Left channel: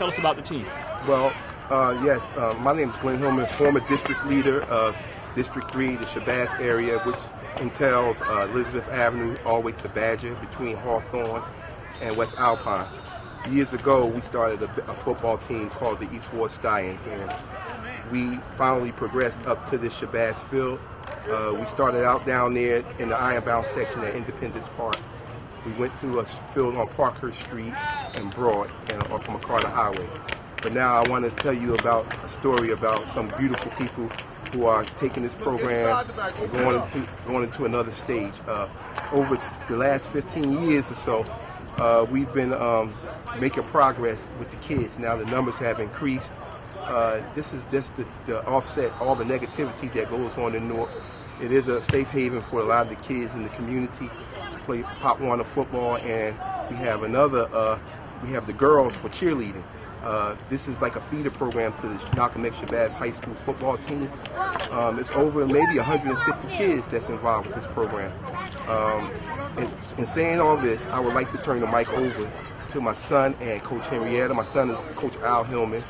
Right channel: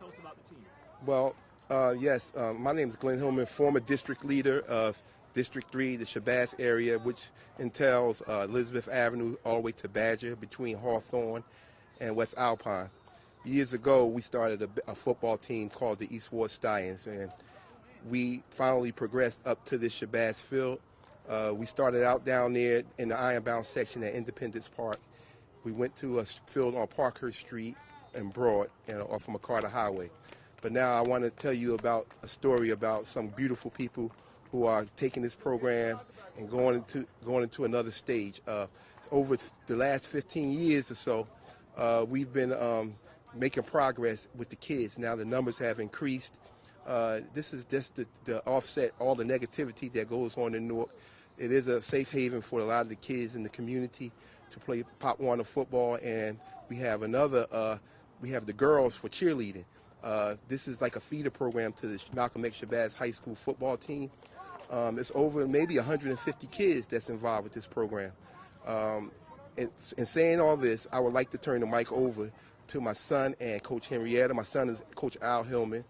Tell us about the team. Well, yes, my name is Glenn Hillman, former district leader of District 3, the Shabazz area, which entails Elizabeth Avenue all the way to Badger, between Hawthorne and West Alpine. Years ago, we started a football team called the East Ward Stallions, and we finally progressed up to this Shabazz field. We started out down there in the Ironbound section at Independence Park. We went to a field on Parkhurst Street and Broad and off of McCarter Highway. But now I want to tell you about a story about some beautiful people who are taking this program and going into another stage. Over the last 15 years or so, we've been making progress with the kids. Now the numbers have increased. This is just to offset all the negativity that goes on in Newark. It is a safe haven for a lot of the kids in the community to play Pop Warner football, and we have we have the girls for cheerleading. This is like a feeder program to the Malcolm X Shabazz High School football team. It's over maybe 150 kids that's involved with this program. In saying all this, I would like to turn the mic over to my son and Coach Henrietta. My son is Coach Al Hillman.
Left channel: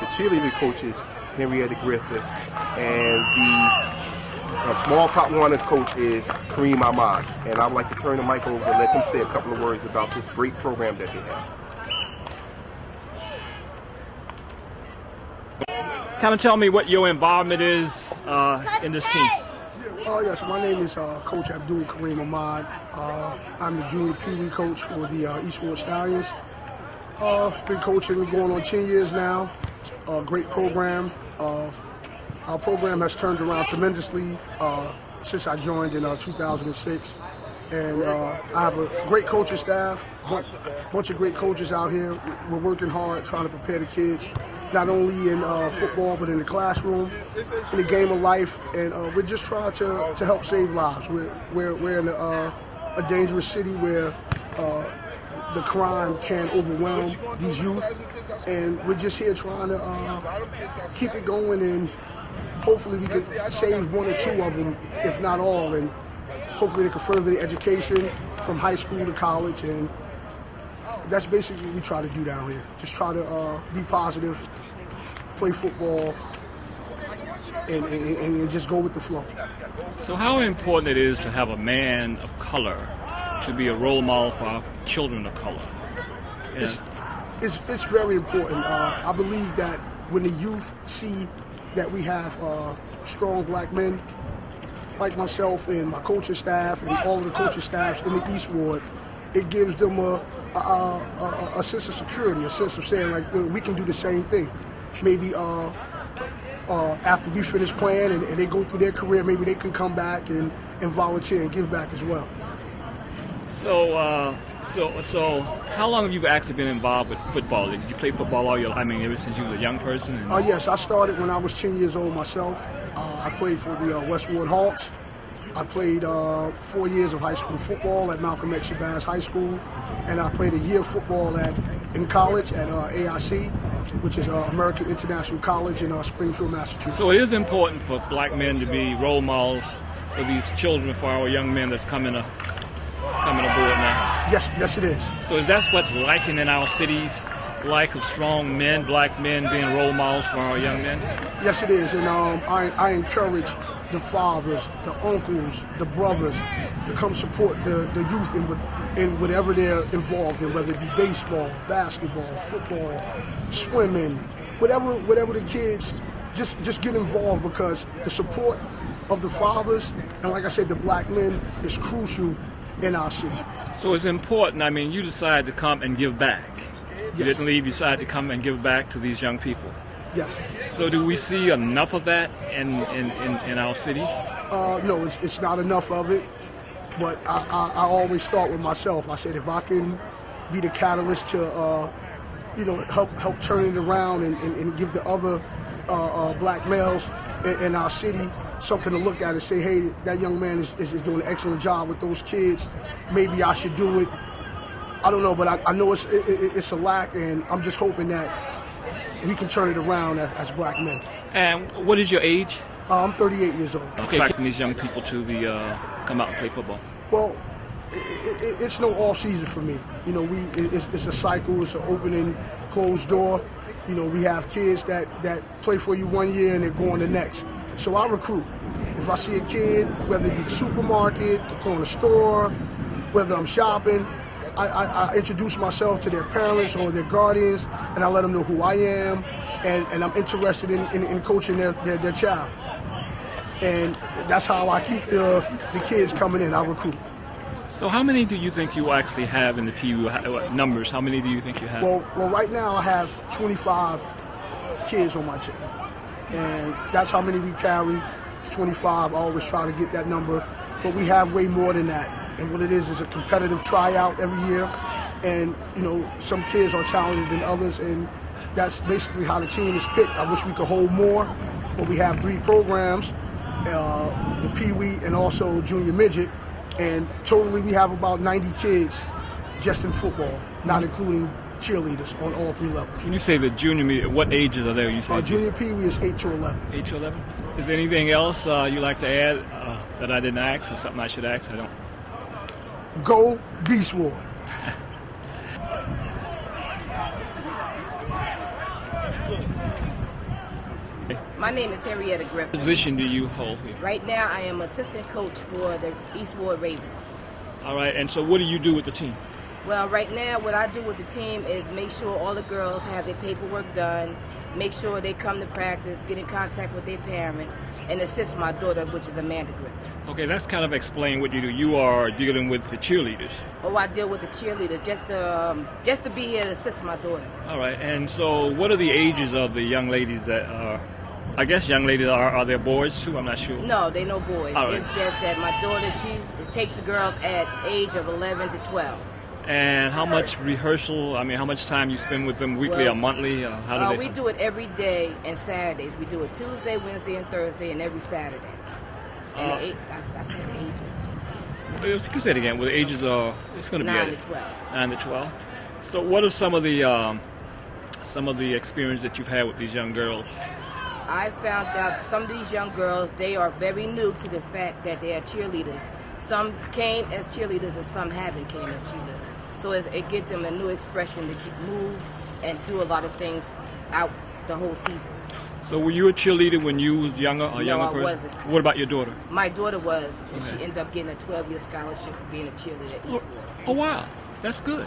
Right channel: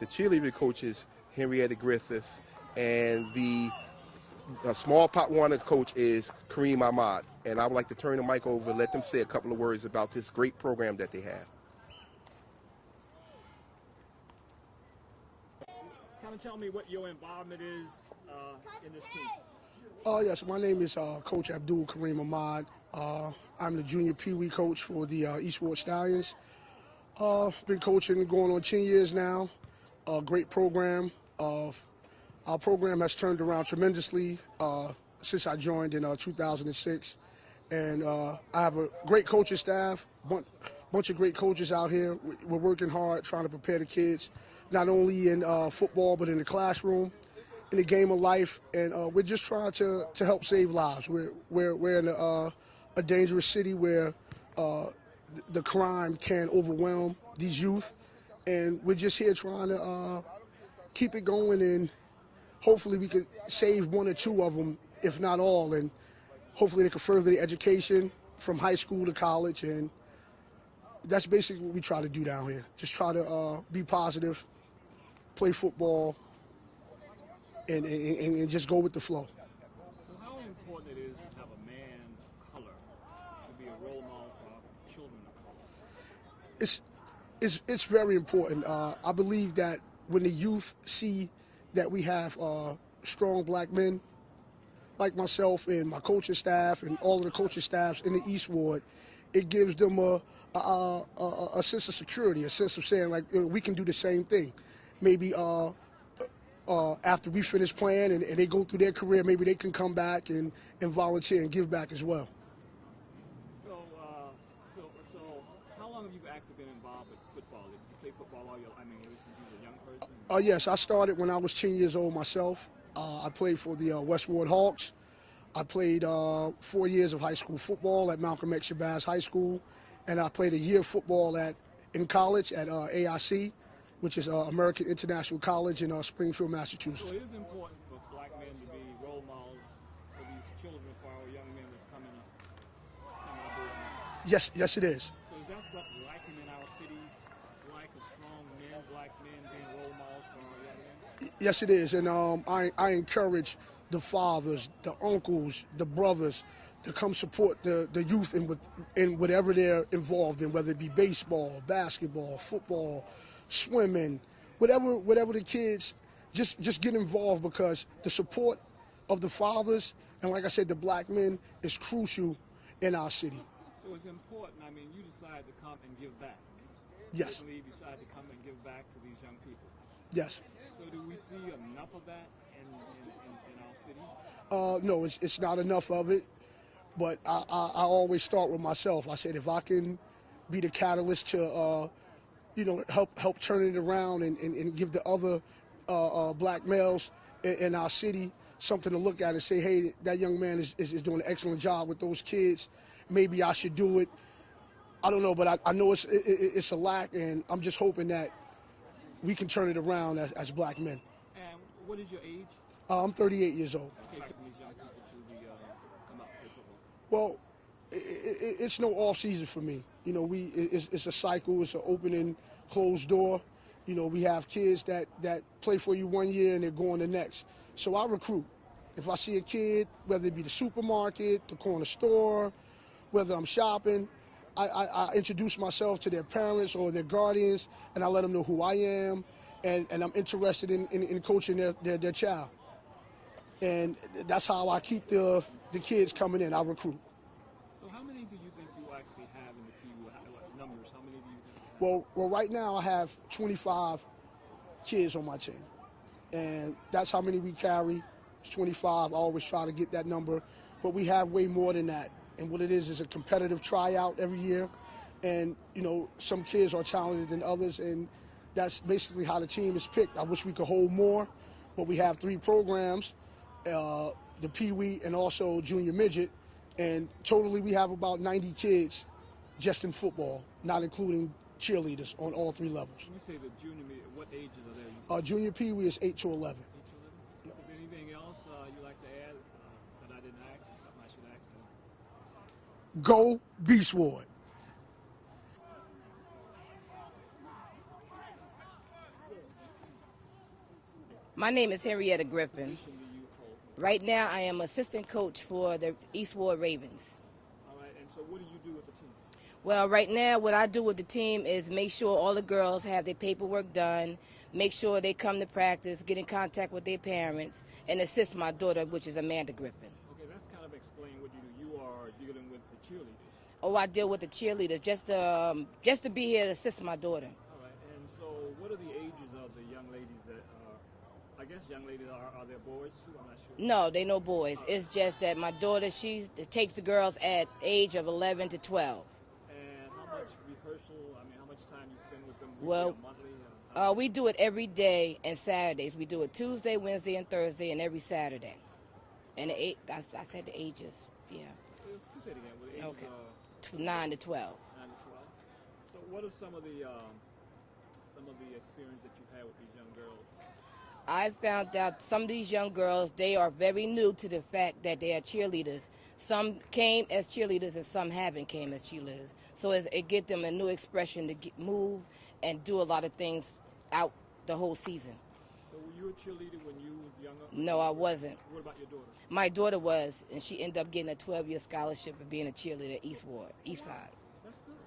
The cheerleading coach is Henrietta Griffith, and the small Pop Warner coach is Kareem Ahmad. And I would like to turn the mic over and let them say a couple of words about this great program that they have. Kind of tell me what your involvement is in this team. Yes, my name is Coach Abdul Kareem Ahmad. I'm the junior Pee Wee coach for the East Ward Stallions. Been coaching going on 10 years now. Great program. Our program has turned around tremendously since I joined in 2006. And I have a great coaching staff, bunch of great coaches out here. We're working hard trying to prepare the kids, not only in football, but in the classroom, in the game of life. And we're just trying to help save lives. We're in a dangerous city where the crime can overwhelm these youth. And we're just here trying to keep it going, and hopefully we can save one or two of them, if not all. And hopefully they can further their education from high school to college. And that's basically what we try to do down here. Just try to be positive, play football, and just go with the flow. So how important it is to have a man of color to be a role model for our children of color? It's very important. I believe that when the youth see that we have strong black men like myself and my coaching staff and all of the coaching staffs in the East Ward, it gives them a sense of security, a sense of saying, like, you know, we can do the same thing. Maybe after we finish playing and they go through their career, maybe they can come back and volunteer and give back as well. So how long have you actually been involved with football? Did you play football all your life? I mean, ever since you were a young person? Yes, I started when I was 10 years old myself. I played for the West Ward Hawks. I played 4 years of high school football at Malcolm X Shabazz High School, and I played a year of football in college at AIC, which is American International College in Springfield, Massachusetts. So it is important for black men to be role models for these children, for our young men that's coming aboard now. Yes, it is. So is that what's lacking in our cities? Lack of strong men, black men being role models for our young men? Yes, it is, and I encourage the fathers, the uncles, the brothers to come support the youth in whatever they're involved in, whether it be baseball, basketball, football, swimming, whatever the kids, just get involved, because the support of the fathers and, like I said, the black men is crucial in our city. So it's important. I mean, you decided to come and give back. You didn't leave, you decided to come and give back to these young people. Yes. So do we see enough of that in our city? No, it's not enough of it, but I always start with myself. I said, if I can be the catalyst to help turn it around and give the other black males in our city something to look at and say, hey, that young man is doing an excellent job with those kids, maybe I should do it. I don't know, but I know it's a lack, and I'm just hoping that we can turn it around as black men. And what is your age? I'm 38 years old. Okay, expecting these young people to come out and play football. Well, it's no off season for me. You know, it's a cycle. It's an opening, closed door. You know, we have kids that play for you 1 year and they're going the next. So I recruit. If I see a kid, whether it be the supermarket, the corner store, whether I'm shopping, I introduce myself to their parents or their guardians, and I let them know who I am, and I'm interested in coaching their child. And that's how I keep the kids coming in. I recruit. So how many do you think you actually have in the PU numbers? How many do you think you have? Well, right now I have 25 kids on my team, and that's how many we carry. 25. I always try to get that number, but we have way more than that. And what it is a competitive tryout every year, and you know, some kids are talented than others, and that's basically how the team is picked. I wish we could hold more, but we have 3 programs, the Pee Wee and also Junior Midget, and totally we have about 90 kids just in football, not including cheerleaders on all 3 levels. When you say the junior meet, what ages are there? You say Junior Pee Wee is 8 to 11. 8 to 11. Is there anything else you like to add that I didn't ask, or something I should ask? I don't. Go Beast Ward. My name is Henrietta Griffin. What position do you hold here? Right now, I am assistant coach for the East Ward Ravens. All right, and so what do you do with the team? Well, right now, what I do with the team is make sure all the girls have their paperwork done, make sure they come to practice, get in contact with their parents, and assist my daughter, which is Amanda Griffin. Okay, that's kind of explain what you do. You are dealing with the cheerleaders. Oh, I deal with the cheerleaders just to be here to assist my daughter. All right, and so what are the ages of the young ladies that are? I guess young ladies are there boys too? I'm not sure. No, they no boys. All right. It's just that my daughter, she takes the girls at age of 11 to 12. And how much rehearsal? I mean, how much time you spend with them weekly or monthly? How do they? We do it every day and Saturdays. We do it Tuesday, Wednesday, and Thursday, and every Saturday. And I said the ages. You can say it again. Well, the ages are. It's going to be 9 to 12. 9 to 12. So, what are some of the experience that you've had with these young girls? I found out some of these young girls, they are very new to the fact that they are cheerleaders. Some came as cheerleaders and some haven't came as cheerleaders. So it gives them a new expression to move and do a lot of things out the whole season. So were you a cheerleader when you was younger? Or No, younger I person? wasn't. What about your daughter? My daughter was, and she ended up getting a 12-year scholarship for being a cheerleader at Eastwood. Oh, wow. That's good.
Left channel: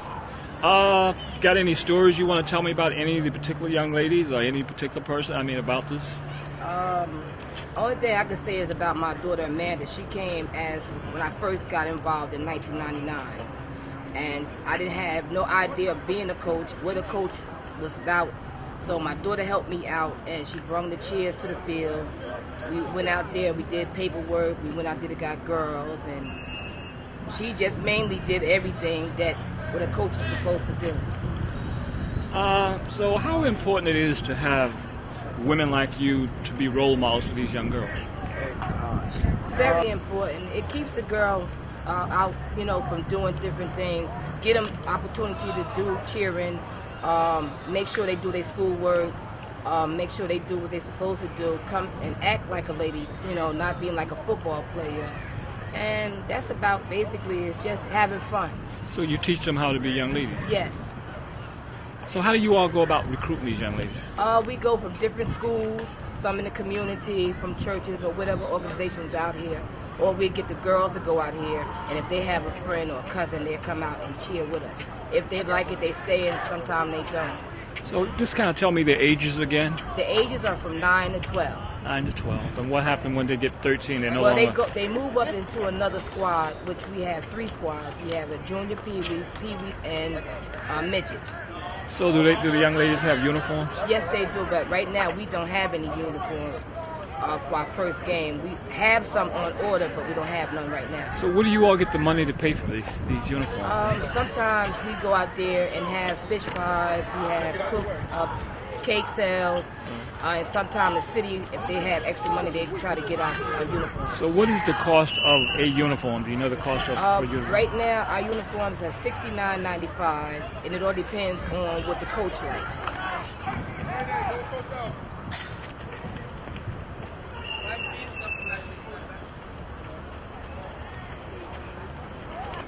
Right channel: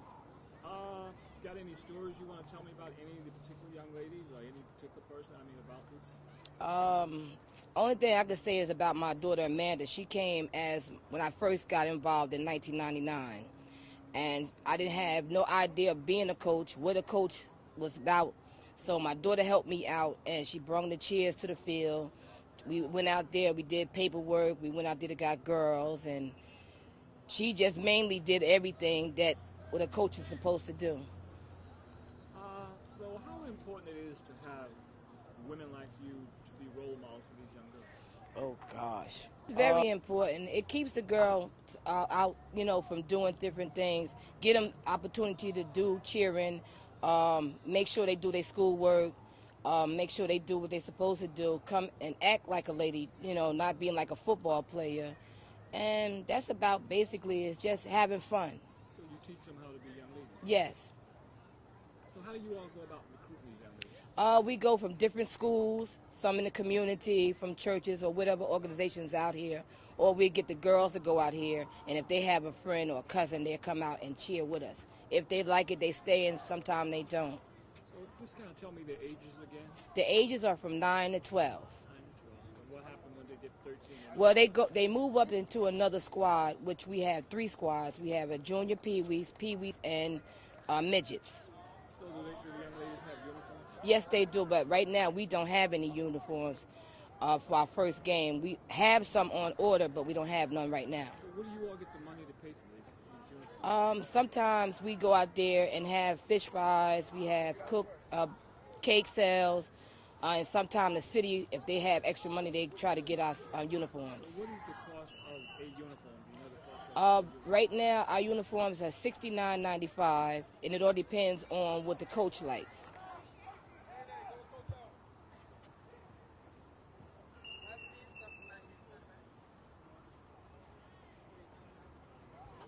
Got any stories you want to tell me about any of the particular young ladies or any particular person, about this? Only thing I can say is about my daughter Amanda. She came as when I first got involved in 1999. And I didn't have no idea of being a coach, what a coach was about. So my daughter helped me out, and she brought the cheers to the field. We went out there, we did paperwork, we went out there to got girls, and she just mainly did everything that what a coach is supposed to do. So how important it is to have women like you to be role models for these young girls? Very important. It keeps the girl out, from doing different things. Get them opportunity to do cheering. Make sure they do their schoolwork. Make sure they do what they're supposed to do. Come and act like a lady, not being like a football player. And that's about basically it's just having fun. So you teach them how to be young ladies? Yes. So how do you all go about recruiting these young ladies? We go from different schools, some in the community, from churches or whatever organizations out here. Or we get the girls to go out here, and if they have a friend or a cousin, they'll come out and cheer with us. If they like it, they stay, and sometimes they don't. So just kind of tell me the ages again. The ages are from 9 to 12. 9 to 12. And what happened when they get 13 and no Well, longer? they move up into another squad, which we have 3 squads. We have a junior Pee-wees, and midgets. So do the young ladies have uniforms? Yes, they do, but right now we don't have any uniforms for our first game. We have some on order, but we don't have none right now. So where do you all get the money to pay for these uniforms? Sometimes we go out there and have fish pies, we have cake sales, and sometimes the city, if they have extra money, they try to get our uniforms. So what is the cost of a uniform? Do you know the cost of a uniform? Right now, our uniforms are $69.95, and it all depends on what the coach likes.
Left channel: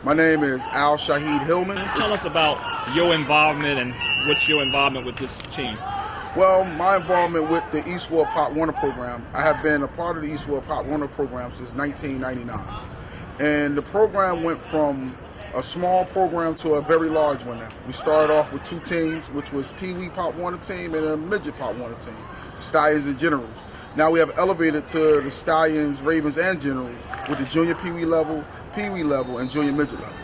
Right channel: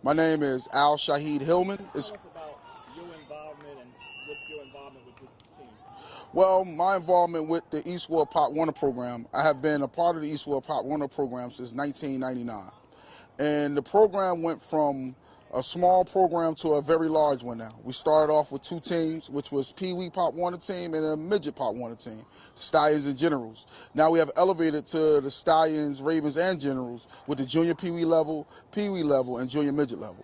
My name is Al Shahid Hillman. Tell us about your involvement and what's your involvement with this team. Well, my involvement with the Eastwood Pop Warner program, I have been a part of the Eastwood Pop Warner program since 1999. And the program went from a small program to a very large one now. We started off with 2 teams, which was Pee Wee Pop Warner team and a Midget Pop Warner team, Stallions and Generals. Now we have elevated to the Stallions, Ravens, and Generals with the Junior Pee Wee level, and Junior Midget level.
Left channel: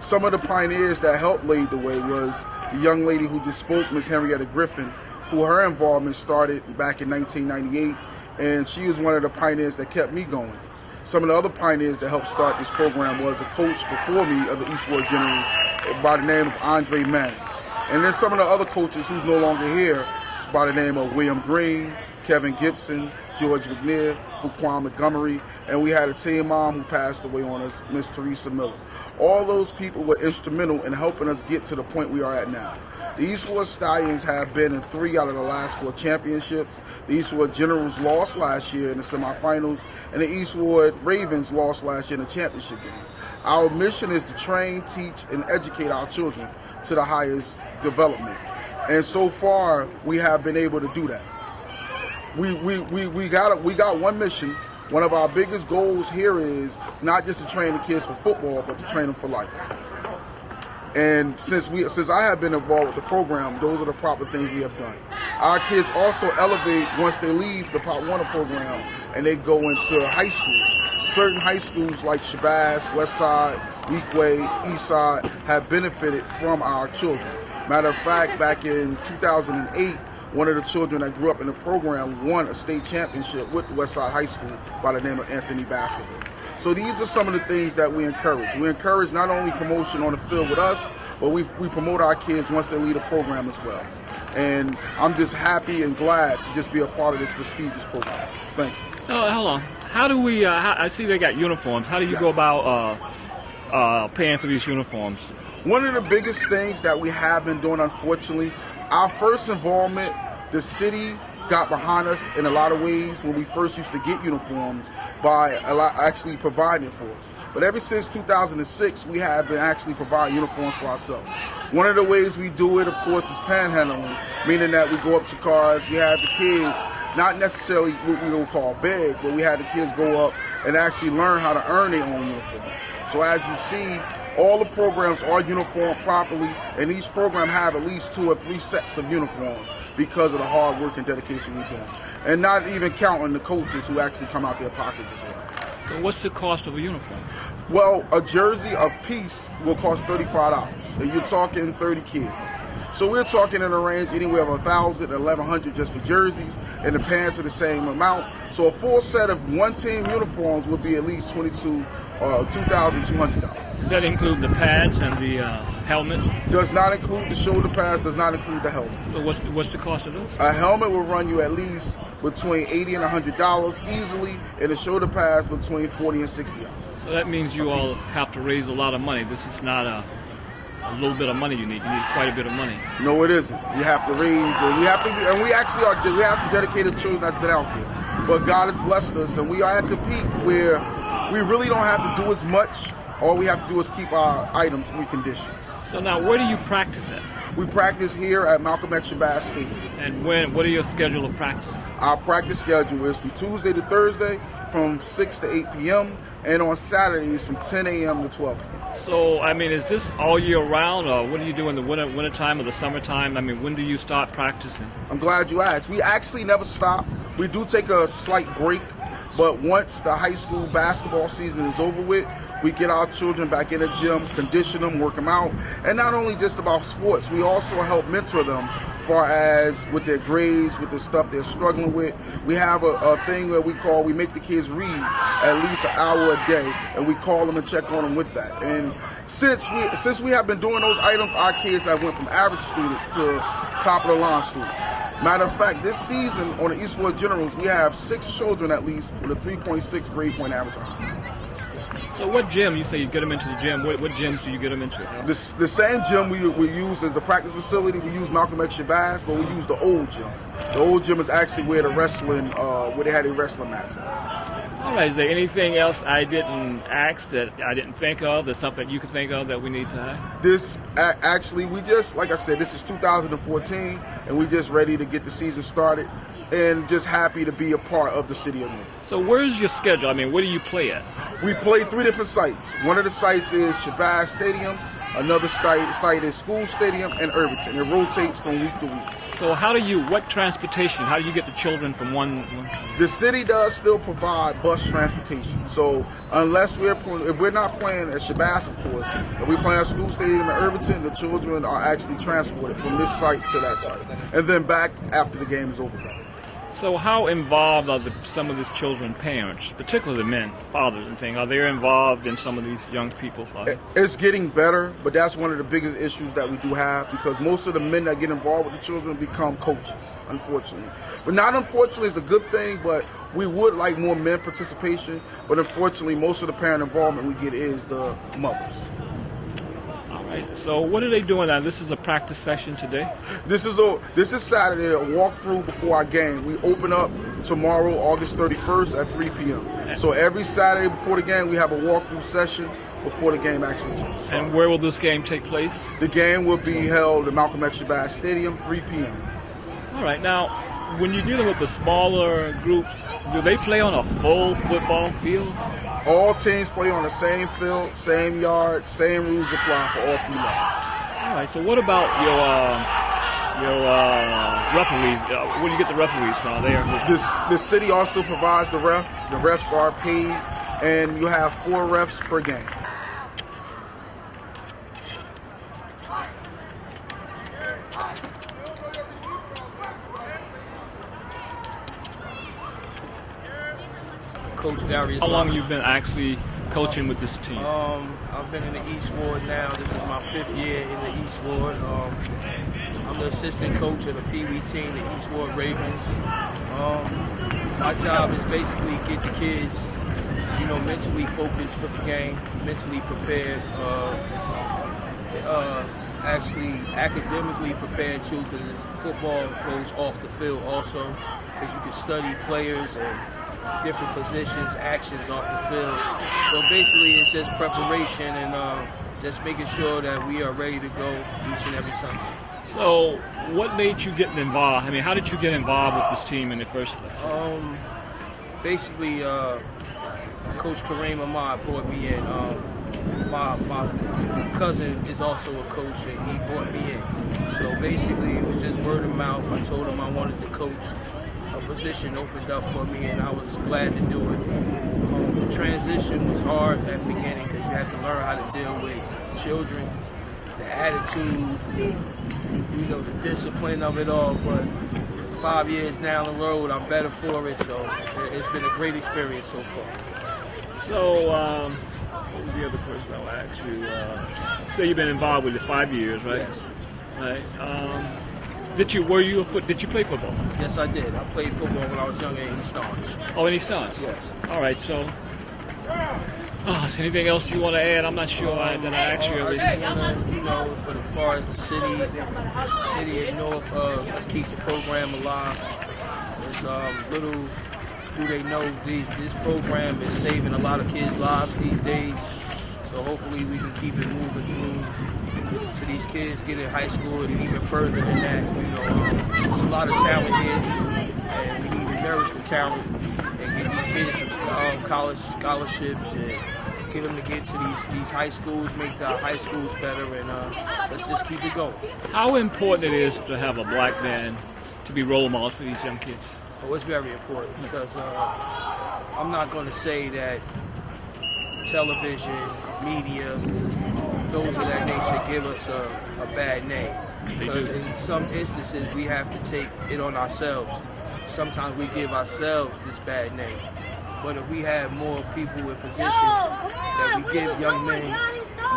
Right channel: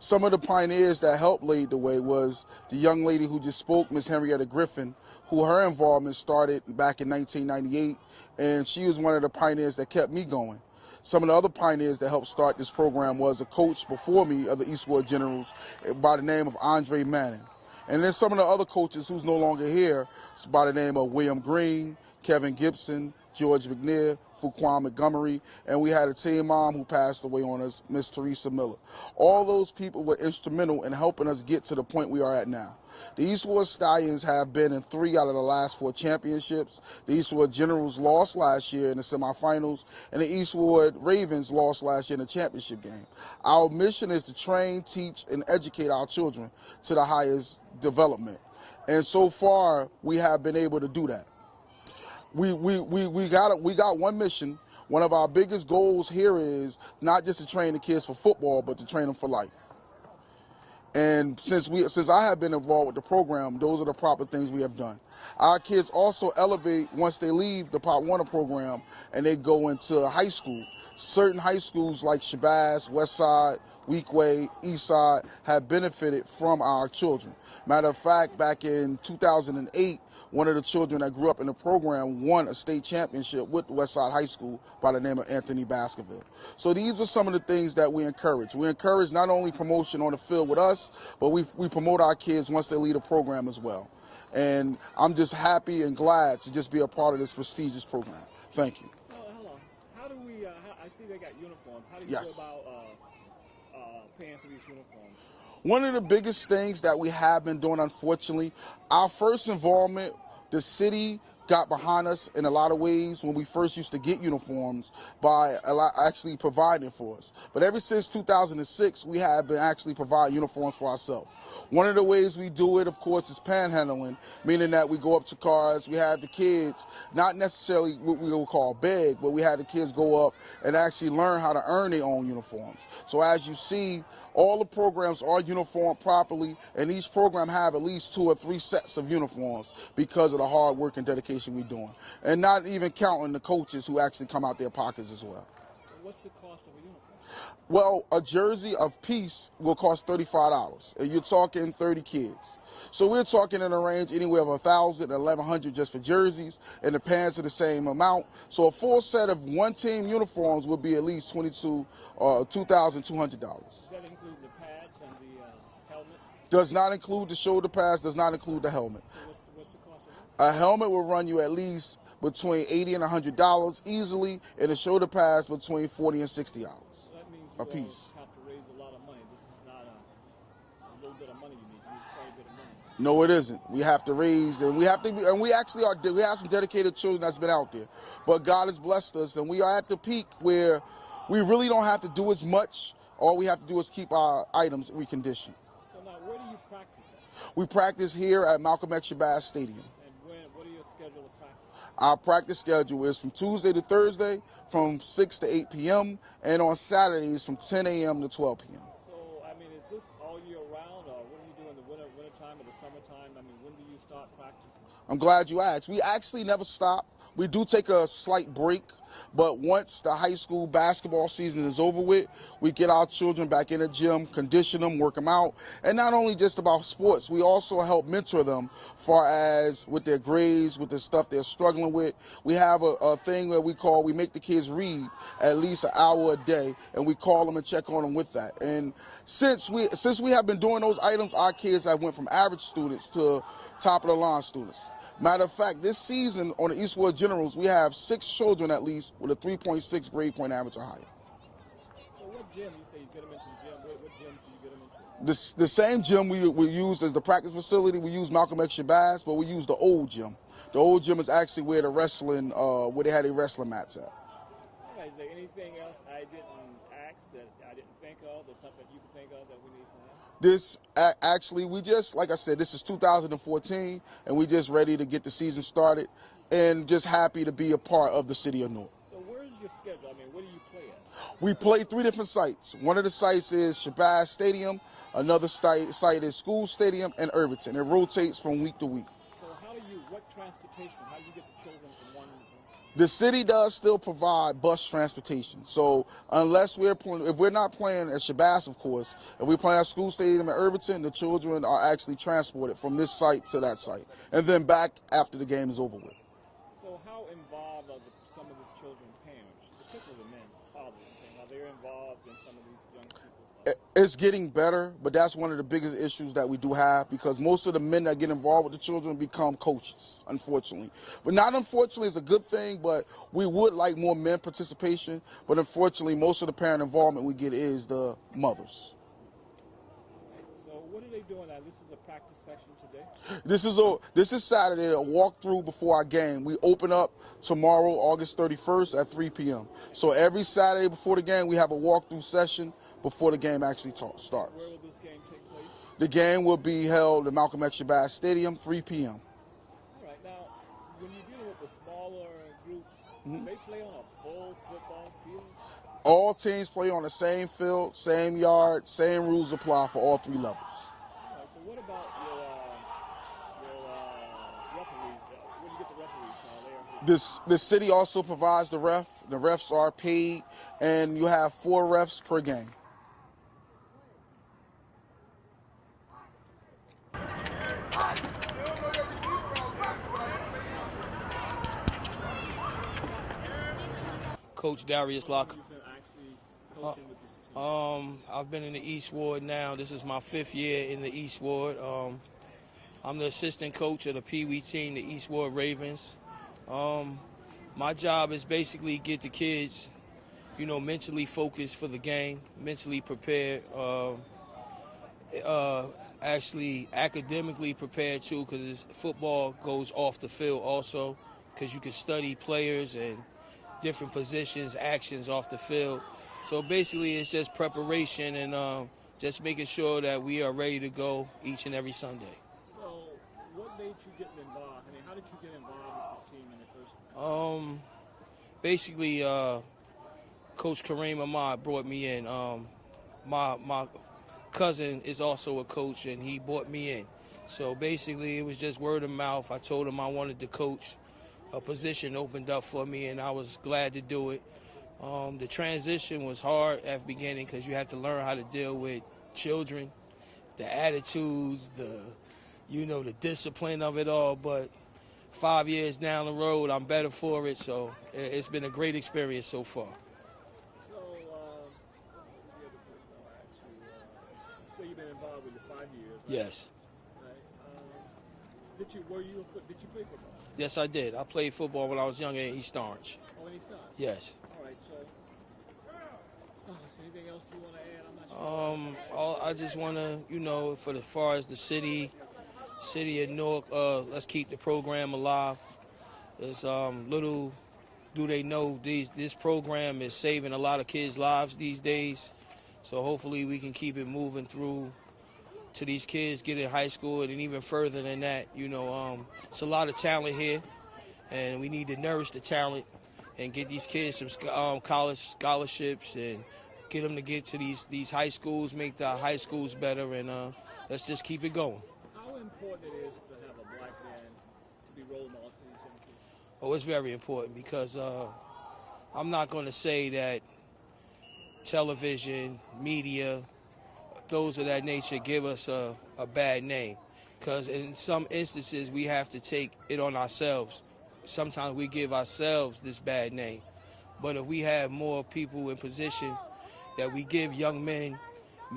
Some of the pioneers that helped lead the way was the young lady who just spoke, Miss Henrietta Griffin, who her involvement started back in 1998, and she was one of the pioneers that kept me going. Some of the other pioneers that helped start this program was a coach before me of the Eastwood Generals by the name of Andre Manning. And then some of the other coaches who's no longer here is by the name of William Green, Kevin Gibson, George McNair, Fuquan Montgomery, and we had a team mom who passed away on us, Miss Teresa Miller. All those people were instrumental in helping us get to the point we are at now. The Eastwood Stallions have been in 3 out of the last 4 championships. The Eastwood Generals lost last year in the semifinals, and the Eastwood Ravens lost last year in the championship game. Our mission is to train, teach, and educate our children to the highest development. And so far, we have been able to do that. We got one mission. One of our biggest goals here is not just to train the kids for football, but to train them for life. And since I have been involved with the program, those are the proper things we have done. Our kids also elevate once they leave the Pop Warner program and they go into high school. Certain high schools like Shabazz, Westside, Weequahic, Eastside have benefited from our children. Matter of fact, back in 2008, one of the children that grew up in the program won a state championship with Westside High School by the name of Anthony Baskerville. So these are some of the things that we encourage. We encourage not only promotion on the field with us, but we promote our kids once they leave the program as well. And I'm just happy and glad to just be a part of this prestigious program. Thank you. Hold on. How do we, I see they got uniforms. How do you go about paying for these uniforms? One of the biggest things that we have been doing, unfortunately, our first involvement, the city got behind us in a lot of ways when we first used to get uniforms by actually providing for us. But ever since 2006, we have been actually providing uniforms for ourselves. One of the ways we do it, of course, is panhandling, meaning that we go up to cars, we have the kids, not necessarily what we would call beg, but we had the kids go up and actually learn how to earn their own uniforms. So as you see, all the programs are uniformed properly, and each program have at least 2 or 3 sets of uniforms because of the hard work and dedication we're doing. And not even counting the coaches who actually come out their pockets as well. So what's the cost of a uniform? Well, a jersey a piece will cost $35, and you're talking 30 kids. So we're talking in a range anywhere of $1,000 to $1,100 just for jerseys, and the pants are the same amount. So a full set of one-team uniforms would be at least $2,200. Does that include the pads and the helmets? Does not include the shoulder pads, does not include the helmet. So what's the cost of those? A helmet will run you at least between $80 and $100 easily, and the shoulder pads between $40 and $60. So that means you all have to raise a lot of money. This is not a little bit of money you need. You need quite a bit of money. No, it isn't. You have to raise, and we have to be, and we actually are. We have some dedicated children that's been out there, but God has blessed us, and we are at the peak where we really don't have to do as much. All we have to do is keep our items reconditioned. So now, where do you practice at? We practice here at Malcolm X Shabazz Stadium. And what are your schedule of practice? Our practice schedule is from Tuesday to Thursday from 6 to 8 p.m. and on Saturdays from 10 a.m. to 12 p.m. So, I mean, is this all year round, or what do you do in the winter time or the summertime? I mean, when do you start practicing? I'm glad you asked. We actually never stop. We do take a slight break, but once the high school basketball season is over with, we get our children back in the gym, condition them, work them out, and not only just about sports, we also help mentor them far as with their grades, with the stuff they're struggling with. We have a thing that we make the kids read at least an hour a day, and we call them and check on them with that. And since we have been doing those items, our kids have went from average students to top of the line students. Matter of fact, this season on the Eastwood Generals, we have 6 children at least with a 3.6 grade point average on. So what gym, you say you get them into the gym, what gyms do you get them into? The same gym we use as the practice facility. We use Malcolm X Shabazz, but we use the old gym. The old gym is actually where the wrestling, where they had a wrestling match. All right, is there anything else I didn't ask that I didn't think of? There's something you can think of that we need to have? This actually, we just, like I said, this is 2014, and we just ready to get the season started, and just happy to be a part of the city of Newark. So where's your schedule? I mean, where do you play at? We play 3 different sites. One of the sites is Shabazz Stadium, another site is School Stadium, and Irvington. It rotates from week to week. So what transportation, how do you get the children from one? The city does still provide bus transportation. So unless if we're not playing at Shabazz, of course, if we're playing at School Stadium in Irvington, the children are actually transported from this site to that site, and then back after the game is over. So how involved are some of these children parents, particularly the men, fathers and things? Are they involved in some of these young people? It's getting better, but that's one of the biggest issues that we do have, because most of the men that get involved with the children become coaches, unfortunately. But not unfortunately, it's a good thing, but we would like more men participation, but unfortunately most of the parent involvement we get is the mothers. So what are they doing now? This is a practice session today? This is Saturday, a walkthrough before our game. We open up tomorrow, August 31st at 3 p.m. So every Saturday before the game, we have a walkthrough session before the game actually starts. And where will this game take place? The game will be held at Malcolm X Shabazz Stadium, 3 p.m. All right. Now, when you're dealing with the smaller groups, do they play on a full football field? All teams play on the same field, same yard, same rules apply for all 3 levels. All right. So what about your referees? Where do you get the referees from? The city also provides the ref. The refs are paid, and you have 4 refs per game. Coach Darius. How long have you been actually coaching with this team? I've been in the East Ward now. This is my 5th year in the East Ward. I'm the assistant coach of the Pee Wee team, the East Ward Ravens. My job is basically get the kids, mentally focused for the game, mentally prepared, actually academically prepared too, because football goes off the field also, because you can study players and different positions, actions off the field. So basically it's just preparation and just making sure that we are ready to go each and every Sunday. So what made you get involved? I mean, how did you get involved with this team in the first place? Basically, Coach Kareem Ahmad brought me in. My cousin is also a coach, and he brought me in. So basically it was just word of mouth. I told him I wanted to coach. A position opened up for me, and I was glad to do it. The transition was hard at the beginning because you had to learn how to deal with children, the attitudes, the discipline of it all. But 5 years down the road, I'm better for it. So it's been a great experience so far. So what was the other question I'll ask you? Say you've been involved with it 5 years, right? Yes. Right. Did you play football? Yes, I did. I played football when I was younger in East Orange. Oh, in East Orange? Yes. All right, so is there anything else you want to add? I'm not sure that I asked you. I just want to, as far as the city of Newark, let's keep the program alive. There's little do they know this program is saving a lot of kids' lives these days. So hopefully we can keep it moving through to these kids get in high school and even further than that. There's a lot of talent here, and we need to nourish the talent and get these kids some college scholarships and get them to get to these high schools, make the high schools better, and let's just keep it going. How important it is to have a black man to be role models for these young kids? Oh, it's very important because I'm not going to say that television, media, those of that nature give us a bad name, because in some instances we have to take it on ourselves. Sometimes we give ourselves this bad name, but if we have more people in position that we give young men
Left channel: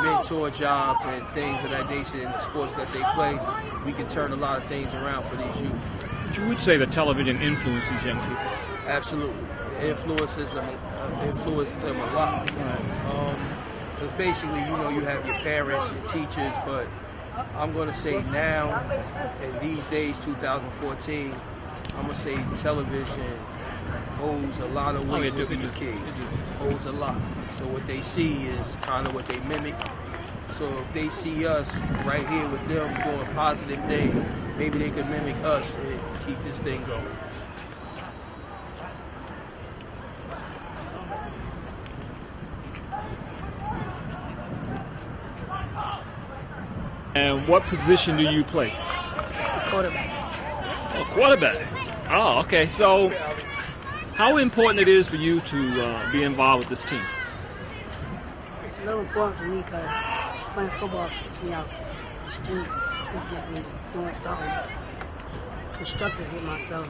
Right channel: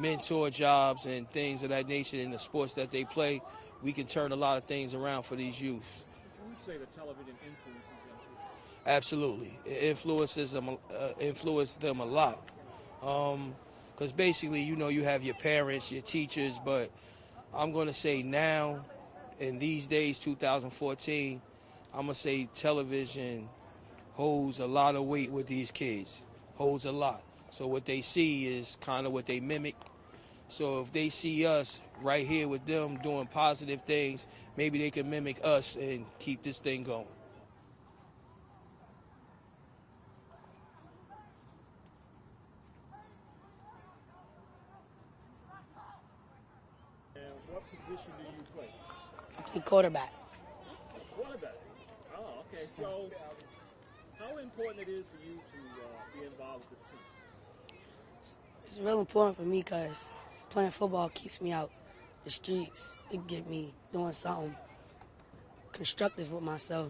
mentor jobs and things of that nature in the sports that they play, we can turn a lot of things around for these youth. You would say that television influences these young people? Absolutely. It influences them a lot. Because basically, you have your parents, your teachers, but I'm going to say now, in these days, 2014, I'm going to say television holds a lot of weight yeah, with these kids. Holds a lot. So what they see is kind of what they mimic. So if they see us right here with them doing positive things, maybe they could mimic us and keep this thing going. And what position do you play? Quarterback. Oh, quarterback. Oh, okay. So, how important it is for you to be involved with this team? It's real important for me because playing football keeps me out the streets and get me doing something constructive with myself.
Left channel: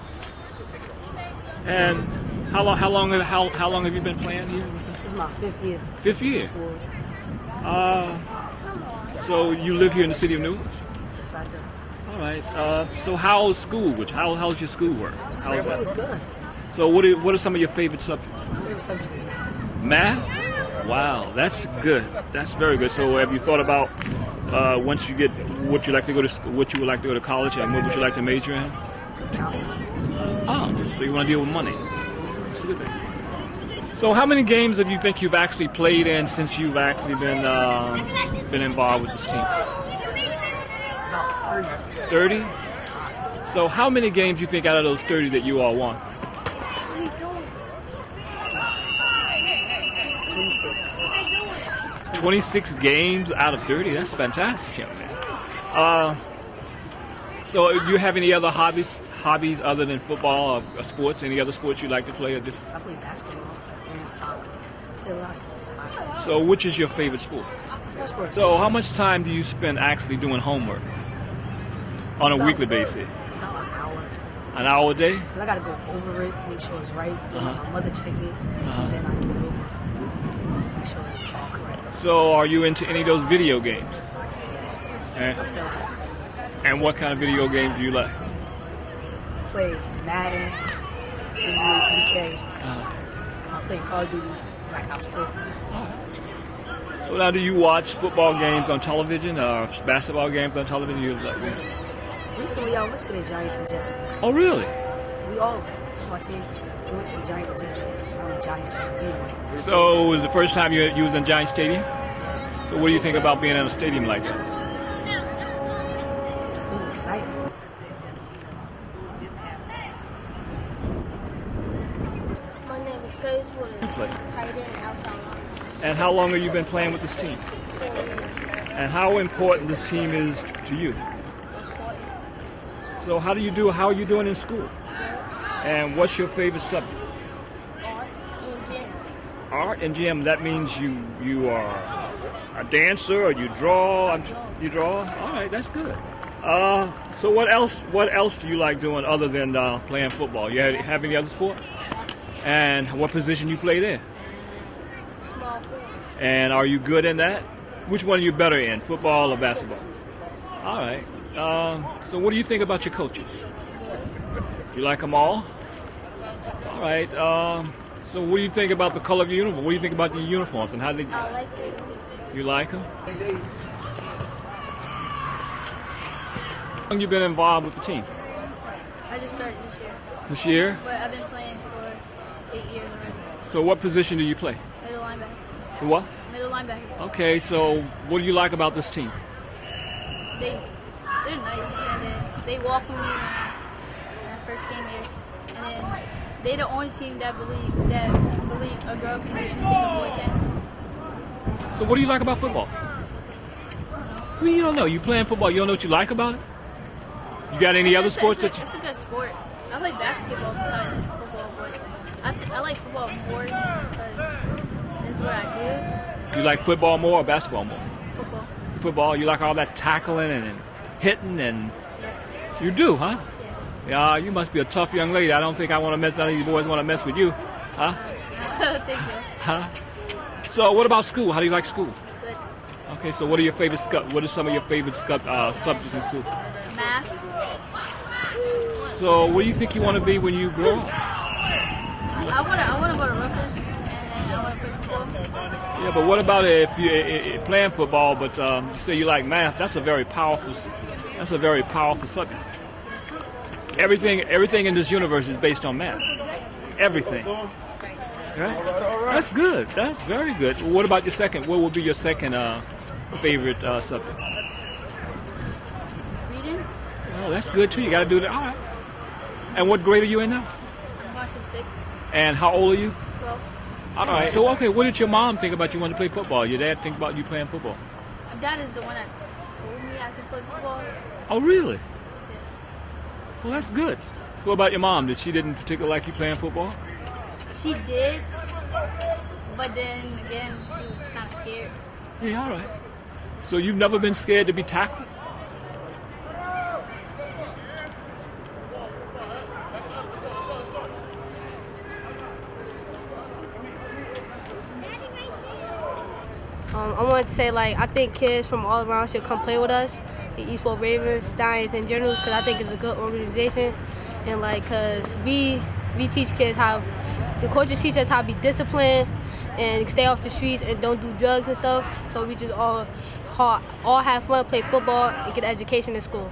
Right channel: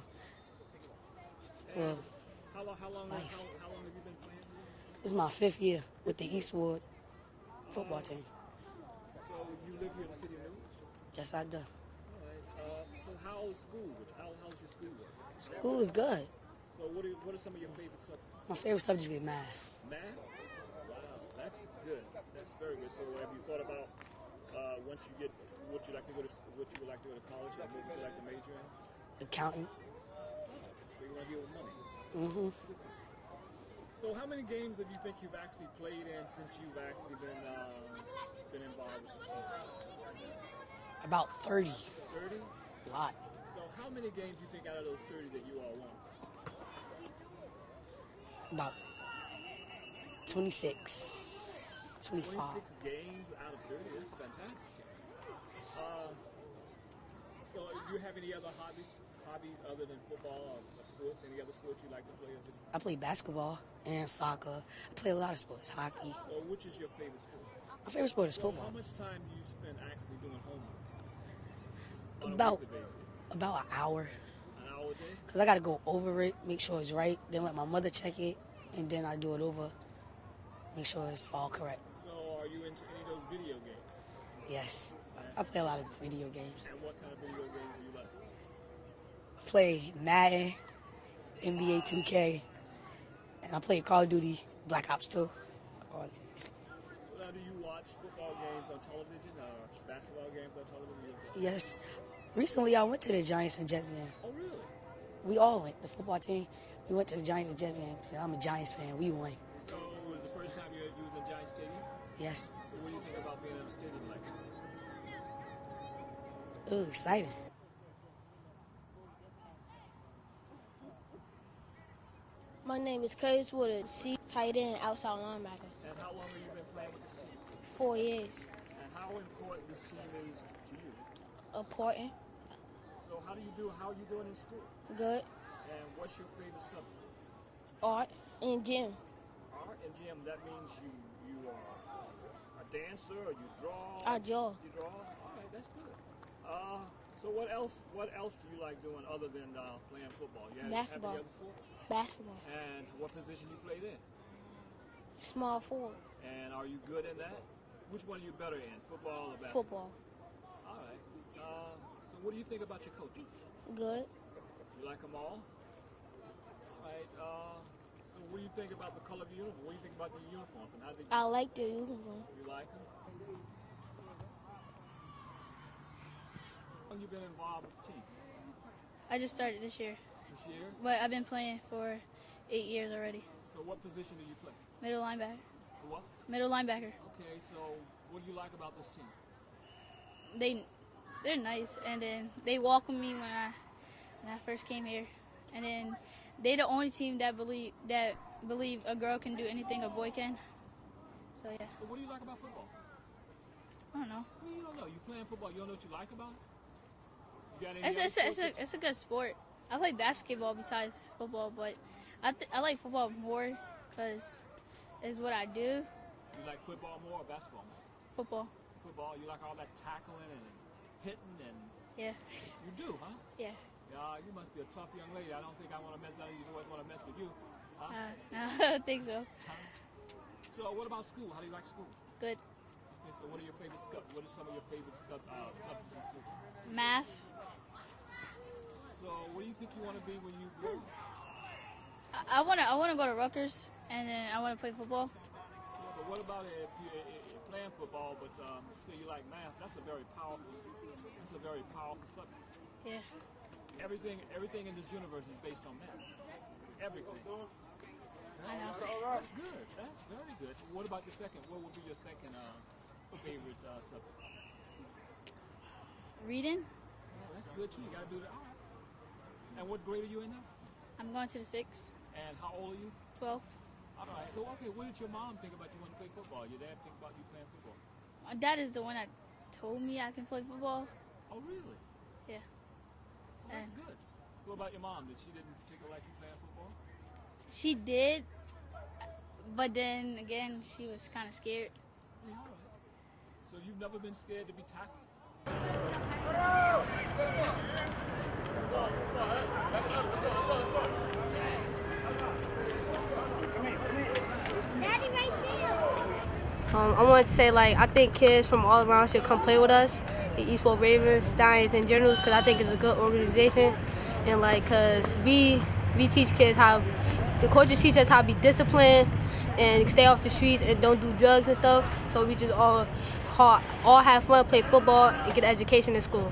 And how long have you been playing here? This is my 5th year. 5th year. This ward. So you live here in the city of Newark? Yes, I do. All right. So how's school? How's your schoolwork? How's It was that? good. So what are some of your favorite subjects? My favorite subject is math. Math? Wow, that's good. That's very good. So have you thought about once you get what you like to go to school, what you would like to go to college, and what would you like to major in? Accounting. Oh, so you want to deal with money? That's a good thing. So how many games have you think you've actually played in since you've actually been involved with this team? About 30. 30? So how many games do you think out of those 30 that you all won? 26. 26 games out of 30? That's fantastic, young man. So do you have any other hobbies other than football or sports? Any other sports you like to play? Or just... I play basketball and soccer. I play a lot of sports. Hockey. So which is your favorite sport? My favorite sport is So how much time do you spend actually doing homework on a weekly basis? about an hour. An hour a day? Because I got to go over it, make sure it's right, then let my mother check it, and then I do it over. Make sure it's all correct. So are you into any of those video games? Yes. Eh? I play a lot of video games. And what kind of video games do you like? Play Madden, NBA 2K, and I play Call of Duty, Black Ops 2. So now do you watch football games on television or basketball games on television? You like... Yes. Recently, I went to the Giants and Jets game. Oh, really? We all went. Football team. We went to the Giants and Jets game. So I'm a Giants fan. We went. So it was the first time you was in Giant Stadium? Yes. So what do you think about being in a stadium like that? We were excited. My name is Curtis Woodard, tight end outside line. And how long have you been playing with this team? 4 years. And how important this team is to you? Important. So how are you doing in school? Good. And what's your favorite subject? Art and gym. Art and gym. That means you are a dancer or you draw? I draw. You draw? All right, that's good. So what else do you like doing other than playing football? You have any other sport? Basketball. And what position you play there? Small forward. And are you good in that? Which one are you better in, football or basketball? All right. So what do you think about your coaches? You like them all? All right. So what do you think about the color of your uniform? What do you think about the uniforms and how they? I like it. You like them? How long you been involved with the team? I just started this year, This year? but I've been playing for 8 years already. So what position do you play? Middle linebacker. The what? Middle linebacker. Okay, so what do you like about this team? They're nice, and then they welcomed me when I first came here, and then they're the only team that believe a girl can do anything a boy can. So what do you like about football? I mean, you don't know. You playing football. You don't know what you like about it? You got any other sports that you... It's a good sport. I like basketball besides football, but I like football more because it's what I You like football more or basketball more? do. Football. Football, you like all that tackling and hitting and... Yeah. You do, huh? Yeah. Yeah, you must be a tough young lady. I don't think I want to mess... None of you boys want to mess with you. Huh? I think so. Huh? So what about school? How do you like school? Good. Okay, so what are some of your favorite subjects in school? Math. So what do you think you want to be when you grow up? I want to go to Rutgers, and then I want to play football. Yeah, but what about if you playing football, but you say you like math? That's a very powerful subject. Everything in this universe is based on math. Everything. Right? That's good. That's very good. What about your second? What would be your second favorite subject? Reading. Oh, that's good too. You got to do that. All right. And what grade are you in now? I'm going to 6. And how old are you? 12. All right. So, okay, what did your mom think about you wanting to play football? Your dad think about you playing football? My dad is the one that told me I could play football. Oh, really? Well, that's good. What about your mom? Did she didn't particularly like you playing football? She did, but then again, she was kind of scared. Yeah, all right. So you've never been scared to be tackled? I wanted to say, like, I think kids from all around should come play with us, the Eastwood Ravens, Stallions in general, because I think it's a good organization. And, like, because we teach kids how, the coaches teach us how to be disciplined and stay off the streets and don't do drugs and stuff. So we just all have fun, play football, and get an education in school.